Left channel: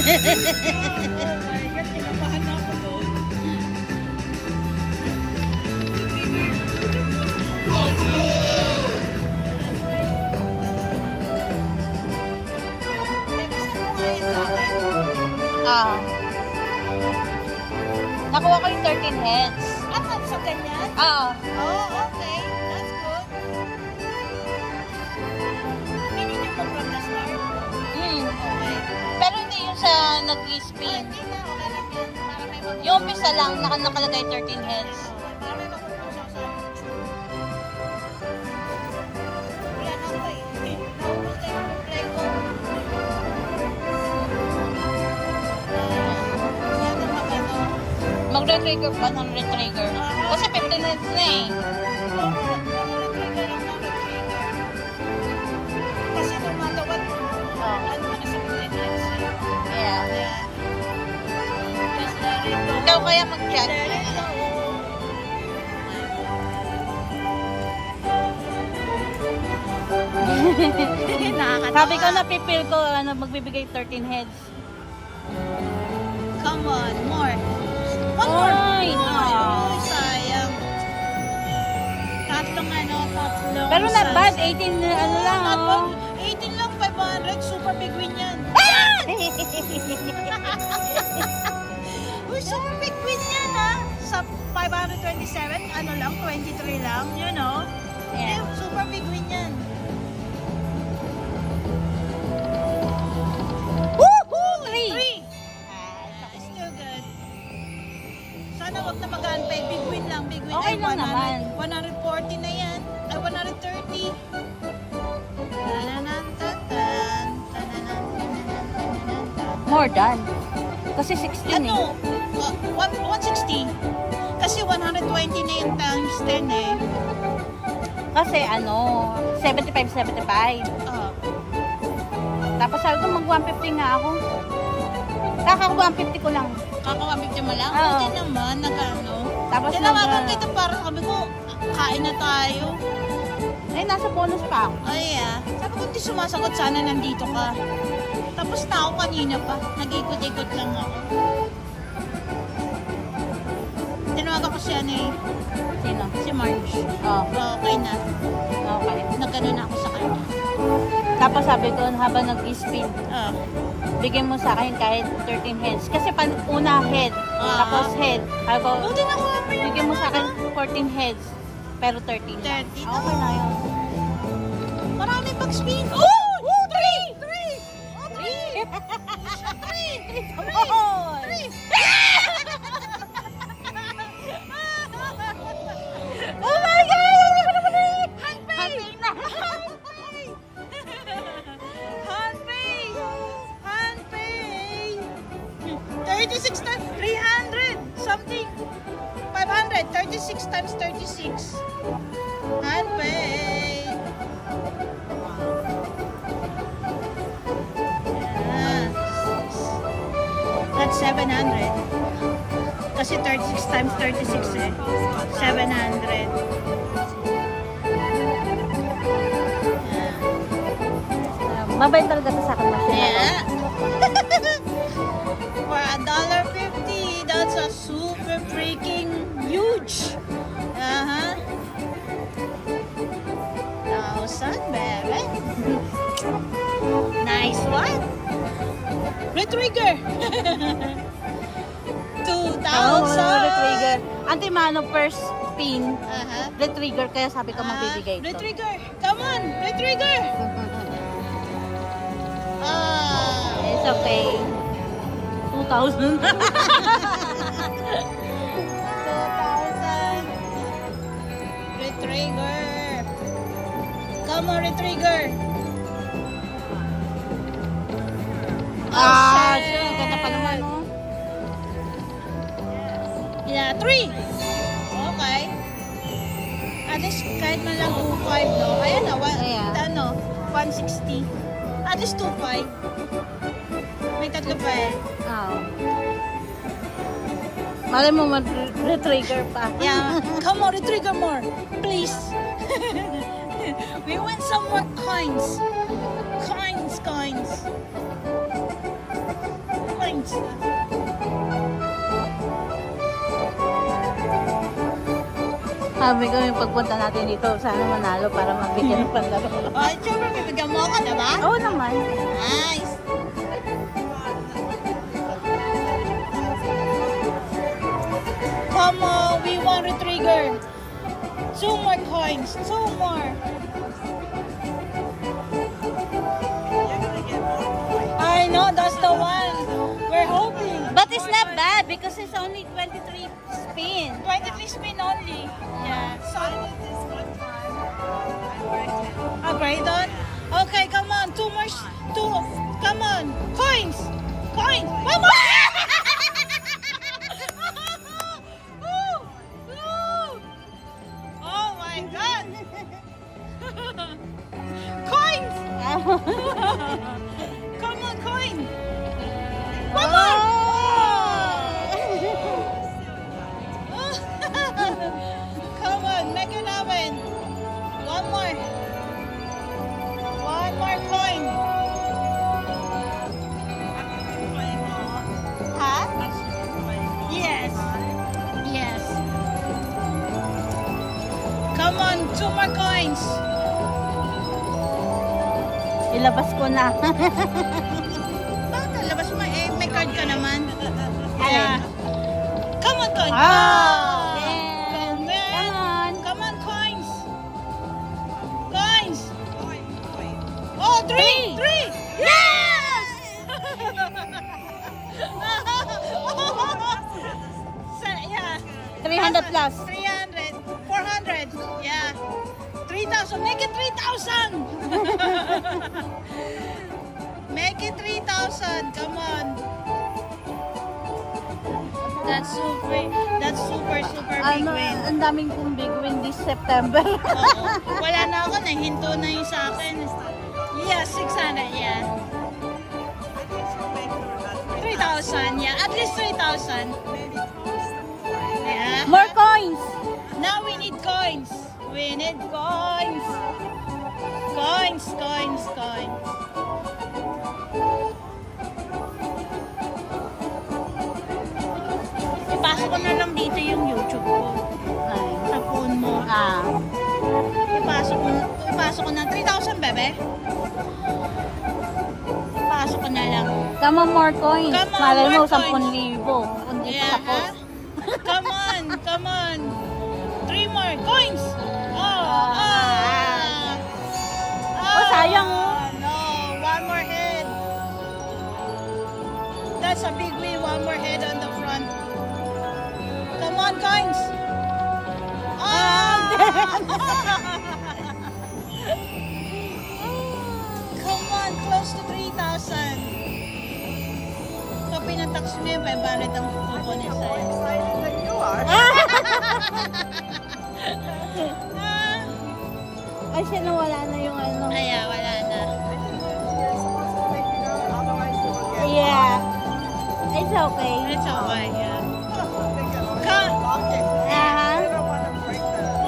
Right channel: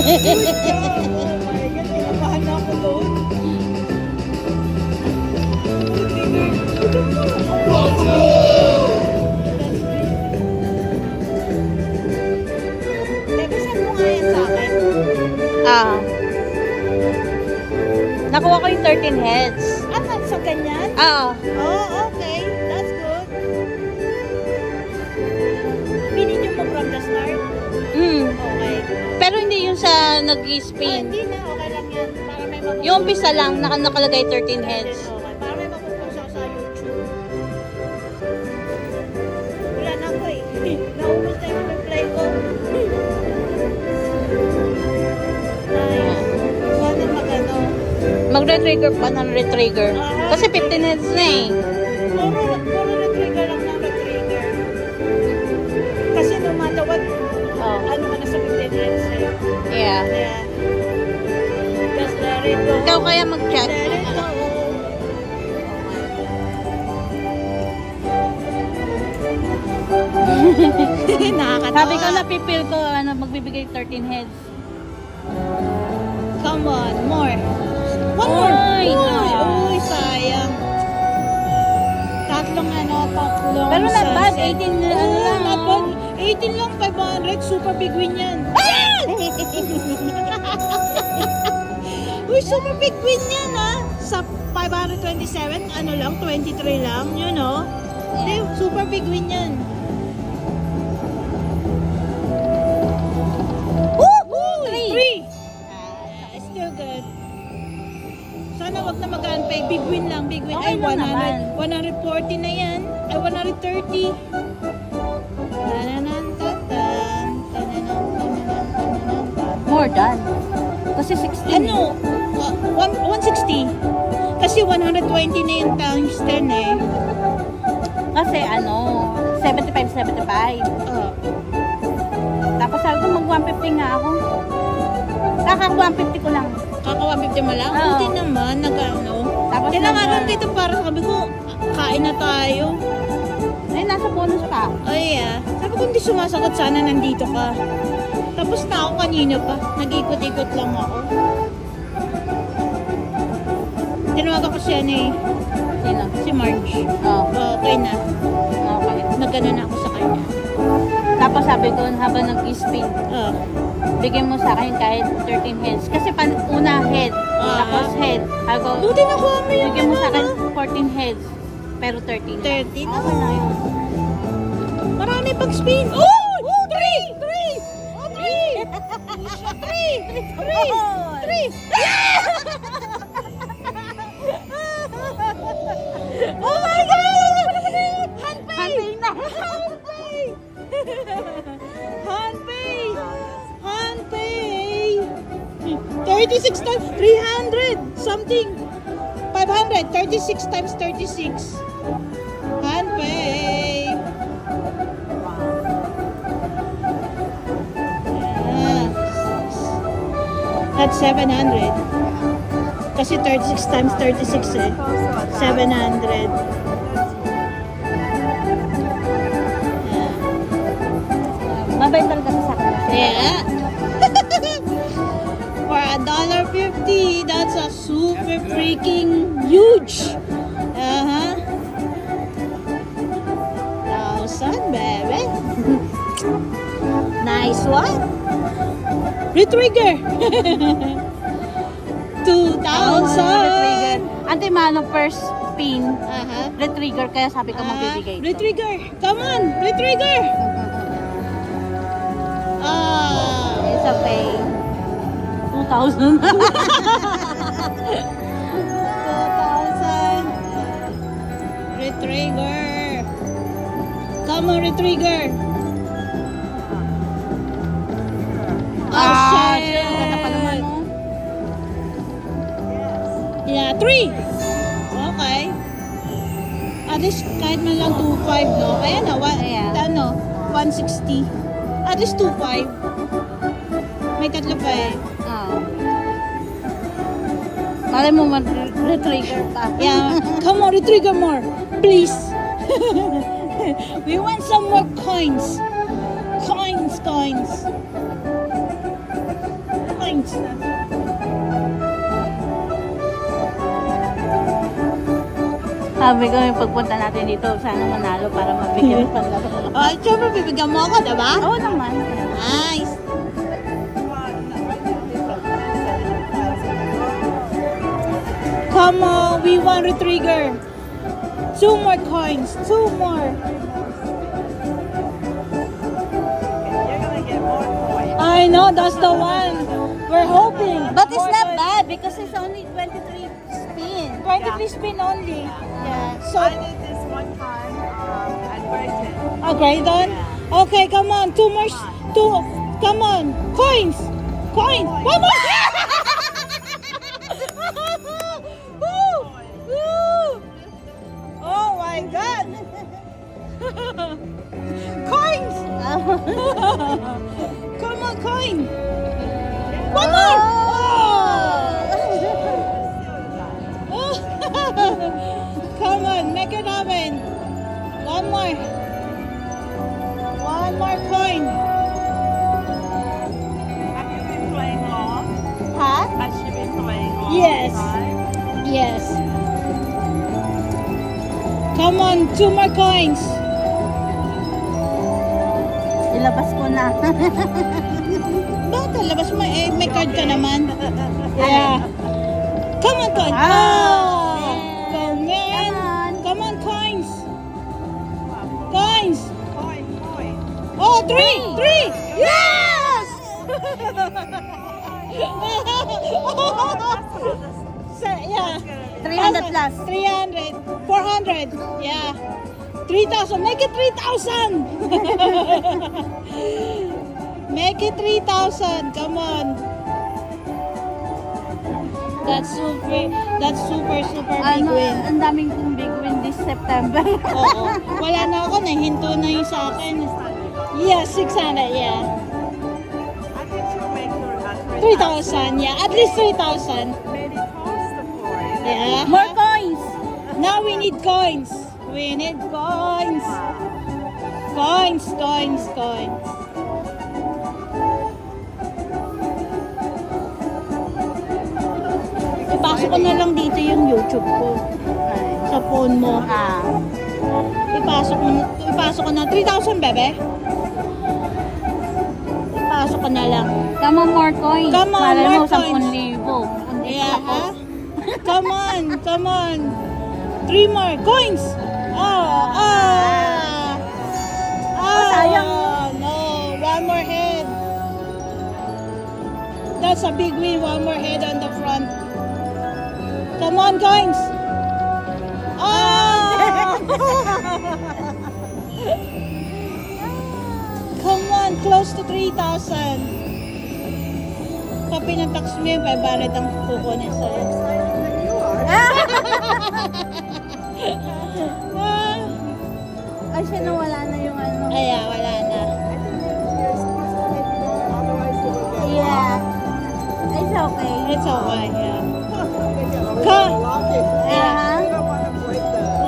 my God, kinabahan na ako doon. Ah. Nakuha ko yung 13 heads. Ah, sa ganyan? Ah. Oh, okay. That's good. Pili niyo po from the start? Hmm. Okay. Pero hindi yung sa nag-spin. Hindi na, okay lang yan. Para may mga- Yung umpisa lang, nakalagay 13 heads. Para may matutunan sa YouTube. Wala na ako eh. Naubos na yung reply ko. Sabi mag-ano. Magre-trigger pa ng retrigger. Kasi 15 heads na eh. Trigger lang na trigger. Kasi no matter what, ano ka na sa maintenance eh. Yeah. Yeah. Just let it go. Ikaw kaya mag-chat? Let it go. Nakakatawa. Sabi ko na pipil ko, magbibigay 13 heads. Come on, more. Oy! Uy, sayang. Tatlong Pero not bad, sunset. 18 na ano lang. Not Oh. bad. 18 lang, 500. Super big win yan. Uy, super big win yan ha. Sa 527, ano lang, 23 lang, you know. Yeah. Super big win yan. Woo! Three. Still good. Sana wag na magaan pa. Big win lang, big win. Okay Ay, lang 100, naman. 140 na yan. Ay, 130. More than. Kasi 16 eh. Ano? 160. Kasi 120 na yung times 10 eh. Kasi 75. Oh. Tapos sabi ko mag 150 nga ako. Kaka 150 ko lang. Ako, 150 mo lang? Oo. Buti naman, nag-ano. Tapos Tinanganan kita para sabi ko, kain na tayo. Ay, nasa bonus pa ako. Ay, sabi ko hindi sumasagot, sana nandito ka. Tapos na ako kanina pa. Nag-ikot-ikot lang ako. Tinawagan ko siya ni Yun lang. si Marge. Oh, Okay na. okay. Nagkano na ako sa kanya. Tapos sabi ko, habang nag-spin, Ah, bigyan mo sa akin kahit 13 heads. Kasi una head, tapos head. Sabi ko, buti na ko. bigyan mo sa akin 14 heads. Pero 13 lang. 13 na. Okay na yun. Marami pag spin. Oh! 3! 3! 3! Oh my God! Hunting na! Hanpay! 36 times 300 something. 500. 36 times 36. Hanpay! That's 700. Kasi 36 times 36 eh. 700. Mabait talaga sa akin. Yeah. For $1.50, that's a super freaking huge. Uh-huh. 1,000, baby. Nice one. Retrigger. 2,000. Retrigger. Anti-mano first spin. Uh-huh. Retrigger, kaya sabi ko magbibigay ito. Retrigger. Come on, retrigger. Ah. It's okay. 2,000. Retrigger. Come on, retrigger. Ah, Okay. sure. Ganda pa naman, oh. Yeah, 3. Okay. At least kahit na lang 2.5, no? Ayan na, Ayan. 160. At least 2.5. May tatlo pa eh. Oh. Malay mo mag-retrigger pa. Yeah, come on, retrigger more. Please. We want some more coins. Coins. coins. Sabi ko yung pagpunta natin dito, sana manalo para mabigyan ng panlaro. Oh, syempre, bibigyan mo ako, diba? Oo naman. Nice. Come on, we want to trigger. 2 more coins, 2 more. I know, that's the one. We're hoping. But it's not bad because it's only 23 spin. 23 spin only. Yeah. So, okay, done. Okay, come on. 2 more. 2. Come on. Coins. Coins. 1 more. Woo! Woo! Oh my God. Coins. Come on, coin. 1 more. Come on, make it happen. 1 more. 1 more coin. Huh? Yes. Yes. Come on, 2 more coins. Ilabas ko na. Bakit? Labas mo eh. May card ka naman. Yeah. Come on, coin. Ah, Come on. Come on, coins. Coins. Oh, 3. 3. Yes! Yeah. 300 plus. 300. 400. Yeah. 3,000. Make it 3,000. Make it 3,000. Come on. That's super big Ano, win. ang daming kong big win this September. Oo. Wala na ako. Nahinto na yung sa akin. Yeah, 600. Yeah. 3,000. Yeah. At least 3,000. Yeah. More coins. Now we need coins. We need coins. Coins, coins, coins. Ipasok ko na lang dito yung YouTube ko. Ay. Sa phone mo. Ah. Ipasok ko na. 3,000, bebe. Ipasok ko na lang. Come on, more coins. Come on, Malay mo, more coins. 10,000. Kundi Yeah, tapos. ha? Come on, come on. 3 more coins. Oh, sayang. No, 1 more head. That's a big win. 1 more head on the front. Come on, coins. Oh! Come on, close to 3,000. Pag pinatax mo yung 500 ang kukunin sa'yo. Ay, sino wala na yung ano. Kaya wala na. Yeah. It's okay. It's okay. Yeah. Come. Ah.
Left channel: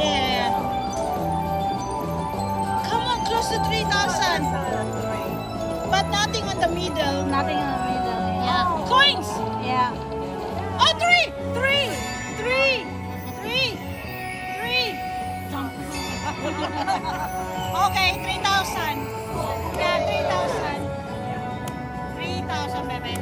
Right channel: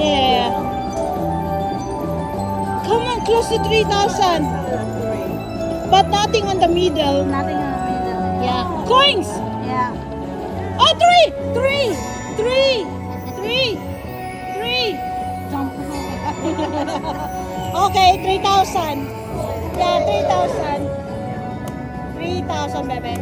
Yeah. Come on, close to 3,000. But nothing on the middle. Nothing on the middle. Yeah. Coins. Yeah. Oh, 3! 3! 3! 3! 3! Okay, 3,000. Yeah, 3,000. 3,000, bebe.